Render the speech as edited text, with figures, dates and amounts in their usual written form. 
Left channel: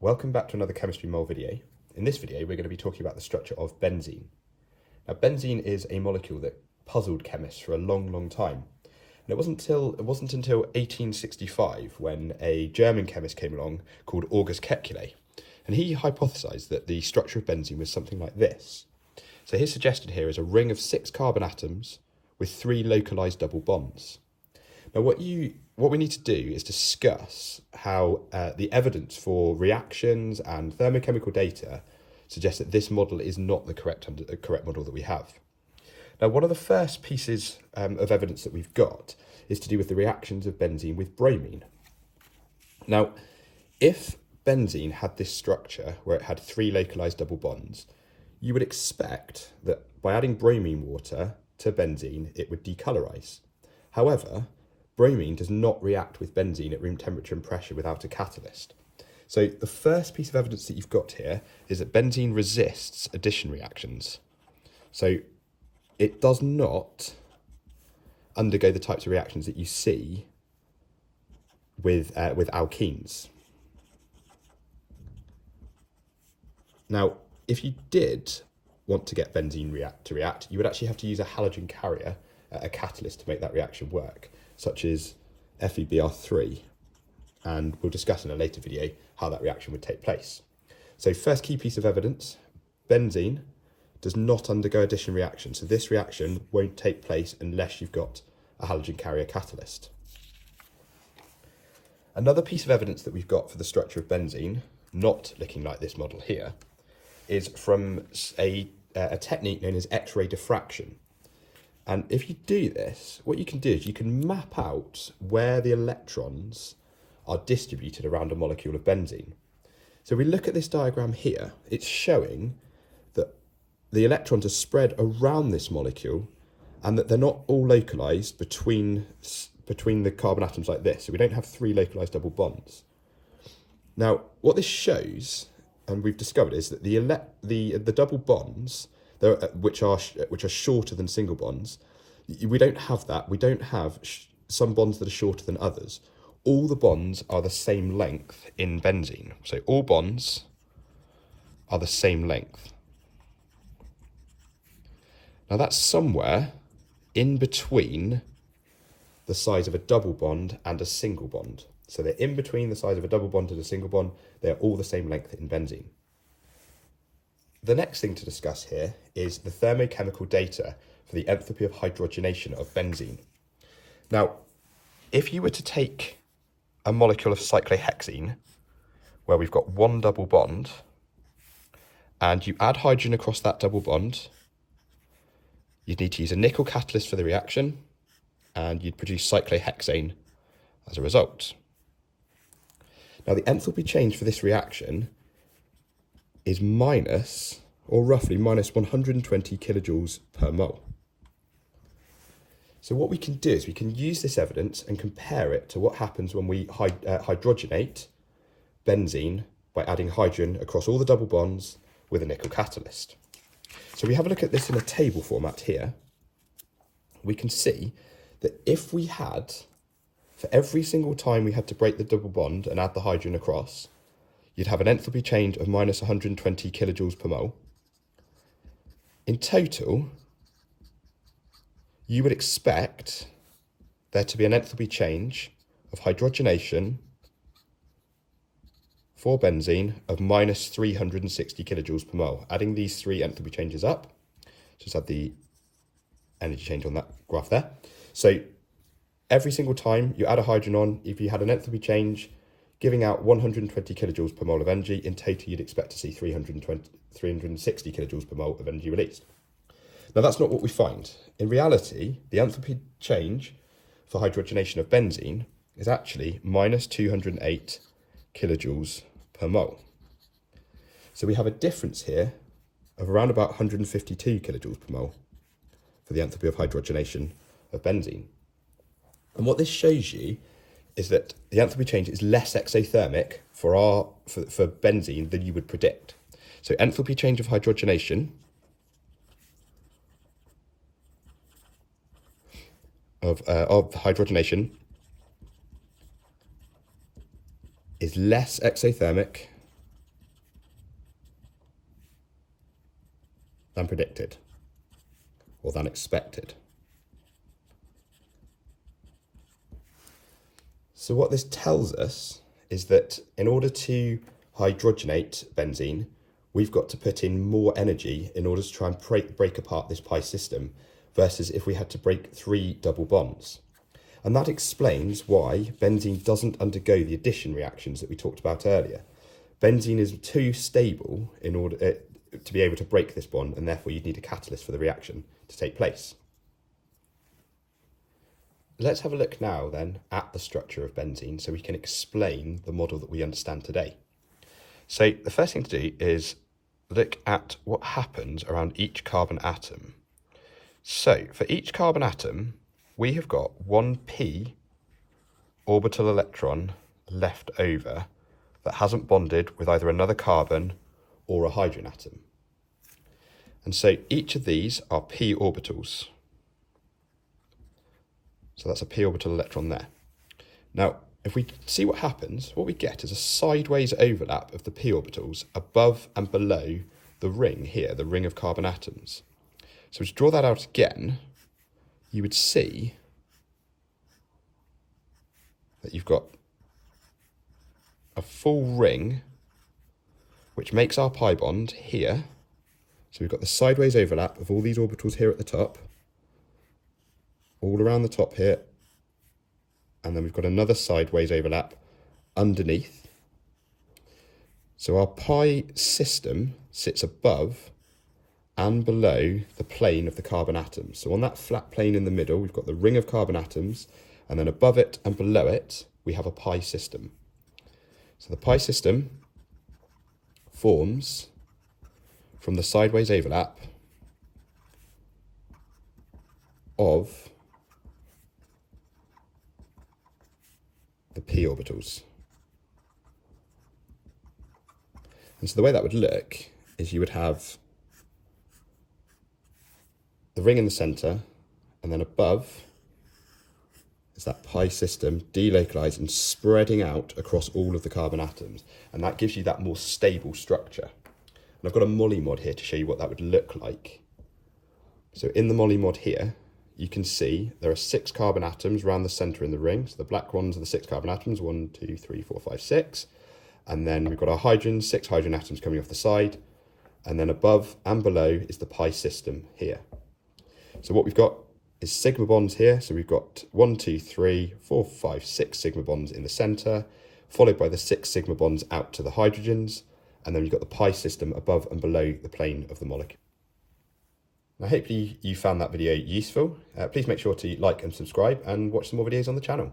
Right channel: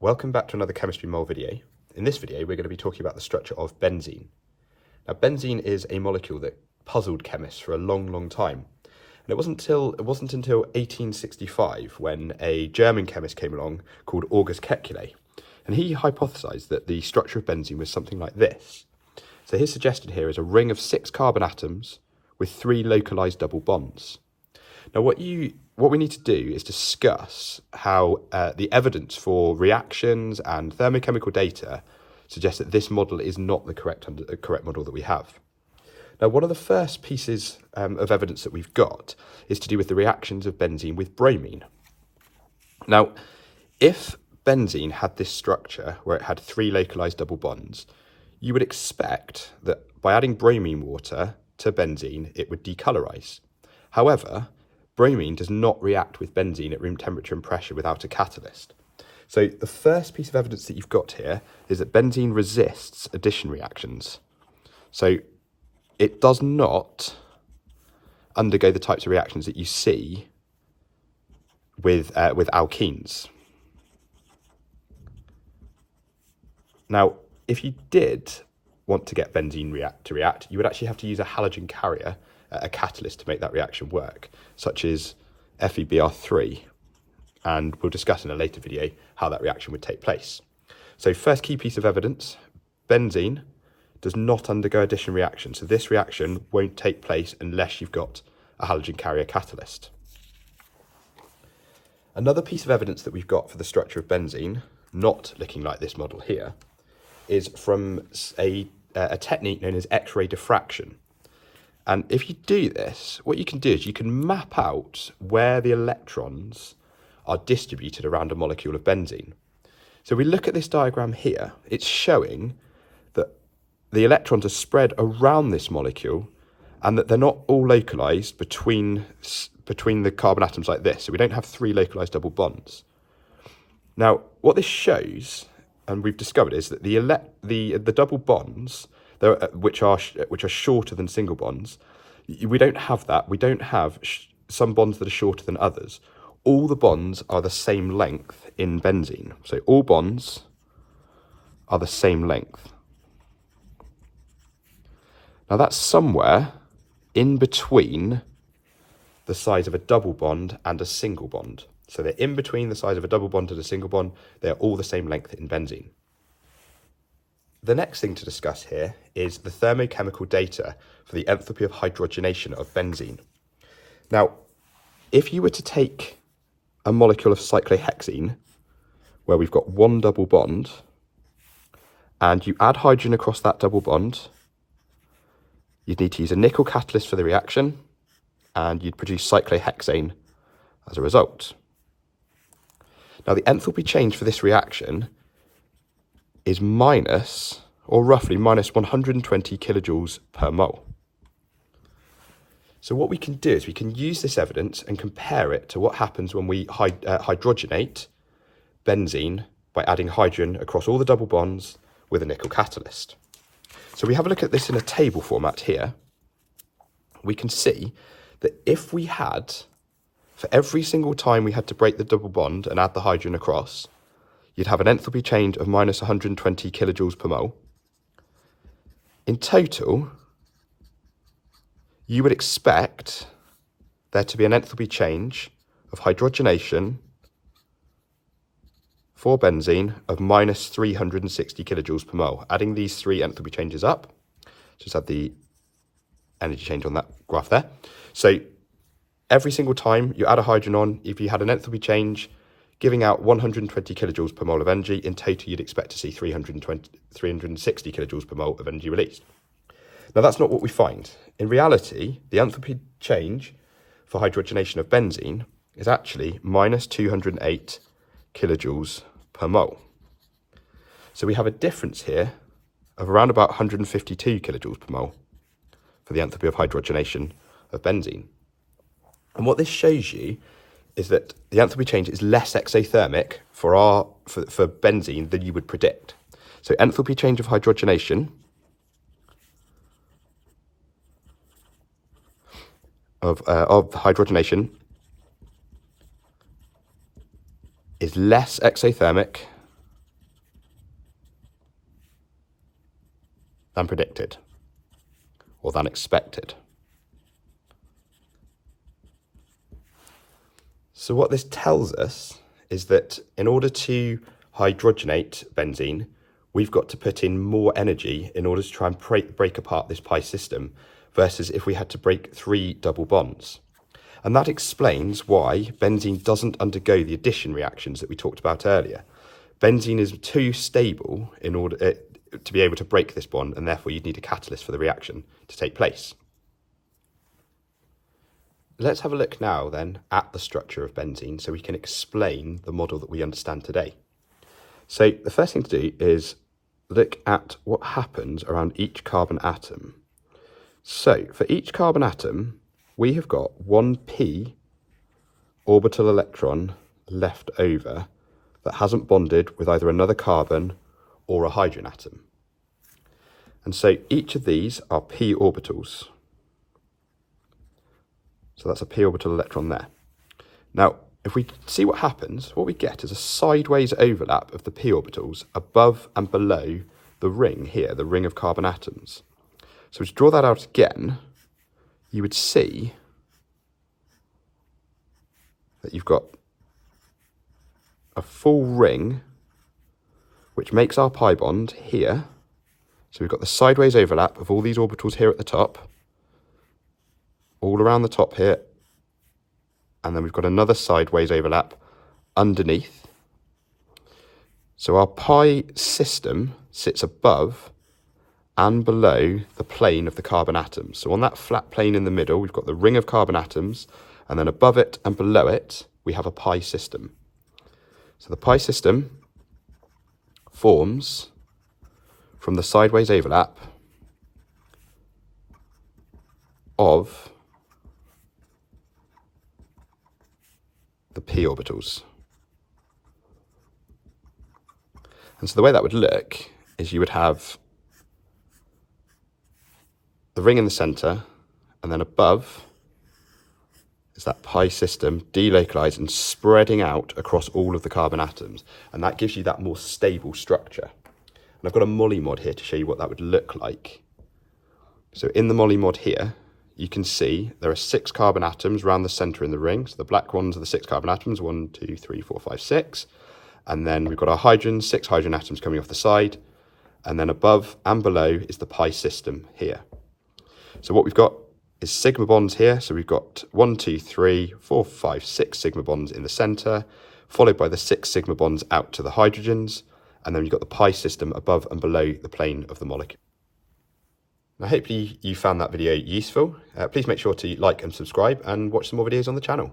Welcome back to another chemistry mole video. In this video, we're going to be talking about the structure of benzene. Now, benzene is a molecule that puzzled chemists for a long time. And it wasn't until 1865 when a German chemist came along called August Kekulé. And he hypothesized that the structure of benzene was something like this. So his suggestion here is a ring of 6 carbon atoms with 3 localized double bonds. Now, what we need to do is discuss how the evidence for reactions and thermochemical data suggests that this model is not the correct model that we have. Now, one of the first pieces of evidence that we've got is to do with the reactions of benzene with bromine. Now, if benzene had this structure where it had 3 localized double bonds, you would expect that by adding bromine water to benzene, it would decolorize. However, bromine does not react with benzene at room temperature and pressure without a catalyst. So the first piece of evidence that you've got here is that benzene resists addition reactions. So it does not undergo the types of reactions that you see with alkenes. Now, if you did want to get benzene to react, you would actually have to use a halogen carrier, a catalyst, to make that reaction work, such as FeBr3, and we'll discuss in a later video how that reaction would take place. So first key piece of evidence, benzene does not undergo addition reaction, so this reaction won't take place unless you've got a halogen carrier catalyst. Another piece of evidence that we've got for the structure of benzene, not looking like this model here, is from a technique known as X-ray diffraction. And if you do this, what you can do is you can map out where the electrons are distributed around a molecule of benzene. So we look at this diagram here, it's showing that the electrons are spread around this molecule and that they're not all localized between the carbon atoms like this. So we don't have 3 localized double bonds. Now, what this shows, and we've discovered, is that the double bonds, which are shorter than single bonds, we don't have that. We don't have some bonds that are shorter than others. All the bonds are the same length in benzene. So all bonds are the same length. Now that's somewhere in between the size of a double bond and a single bond. So they're in between the size of a double bond and a single bond. They're all the same length in benzene. The next thing to discuss here is the thermochemical data for the enthalpy of hydrogenation of benzene. Now, if you were to take a molecule of cyclohexene, where we've got 1 double bond, and you add hydrogen across that double bond, you'd need to use a nickel catalyst for the reaction, and you'd produce cyclohexane as a result. Now, the enthalpy change for this reaction is roughly minus 120 kilojoules per mole. So what we can do is we can use this evidence and compare it to what happens when we hydrogenate benzene by adding hydrogen across all the double bonds with a nickel catalyst. So we have a look at this in a table format here. We can see that if we had, for every single time we had to break the double bond and add the hydrogen across, you'd have an enthalpy change of minus 120 kilojoules per mole. In total, you would expect there to be an enthalpy change of hydrogenation for benzene of minus 360 kilojoules per mole. Adding these 3 enthalpy changes up, just add the energy change on that graph there. So every single time you add a hydrogen on, if you had an enthalpy change giving out 120 kilojoules per mole of energy, in total you'd expect to see 360 kilojoules per mole of energy released. Now that's not what we find. In reality, the enthalpy change for hydrogenation of benzene is actually minus 208 kilojoules per mole. So we have a difference here of around about 152 kilojoules per mole for the enthalpy of hydrogenation of benzene. And what this shows you is that the enthalpy change is less exothermic for benzene than you would predict. So enthalpy change of hydrogenation is less exothermic than predicted or than expected. So what this tells us is that in order to hydrogenate benzene, we've got to put in more energy in order to try and break apart this pi system versus if we had to break 3 double bonds. And that explains why benzene doesn't undergo the addition reactions that we talked about earlier. Benzene is too stable in order to be able to break this bond, and therefore you'd need a catalyst for the reaction to take place. Let's have a look now then at the structure of benzene so we can explain the model that we understand today. So the first thing to do is look at what happens around each carbon atom. So for each carbon atom, we have got one p orbital electron left over that hasn't bonded with either another carbon or a hydrogen atom. And so each of these are p orbitals. So that's a p orbital electron there. Now, if we see what happens, what we get is a sideways overlap of the p orbitals above and below the ring here, the ring of carbon atoms. So to draw that out again, you would see that you've got a full ring which makes our pi bond here. So we've got the sideways overlap of all these orbitals here at the top, all around the top here, and then we've got another sideways overlap underneath. So our pi system sits above and below the plane of the carbon atoms. So on that flat plane in the middle, we've got the ring of carbon atoms, and then above it and below it, we have a pi system. So the pi system forms from the sideways overlap of the p orbitals. And so the way that would look is you would have the ring in the center, and then above is that pi system delocalized and spreading out across all of the carbon atoms. And that gives you that more stable structure. And I've got a Molly mod here to show you what that would look like. So in the Molly mod here, you can see there are 6 carbon atoms around the center in the ring. So the black ones are the 6 carbon atoms, 1, 2, 3, 4, 5, 6. And then we've got our hydrogen, 6 hydrogen atoms coming off the side. And then above and below is the pi system here. So what we've got is sigma bonds here. So we've got 1, 2, 3, 4, 5, 6 sigma bonds in the center, followed by the 6 sigma bonds out to the hydrogens. And then we've got the pi system above and below the plane of the molecule. Now, hopefully you found that video useful. Please make sure to like and subscribe and watch some more videos on the channel.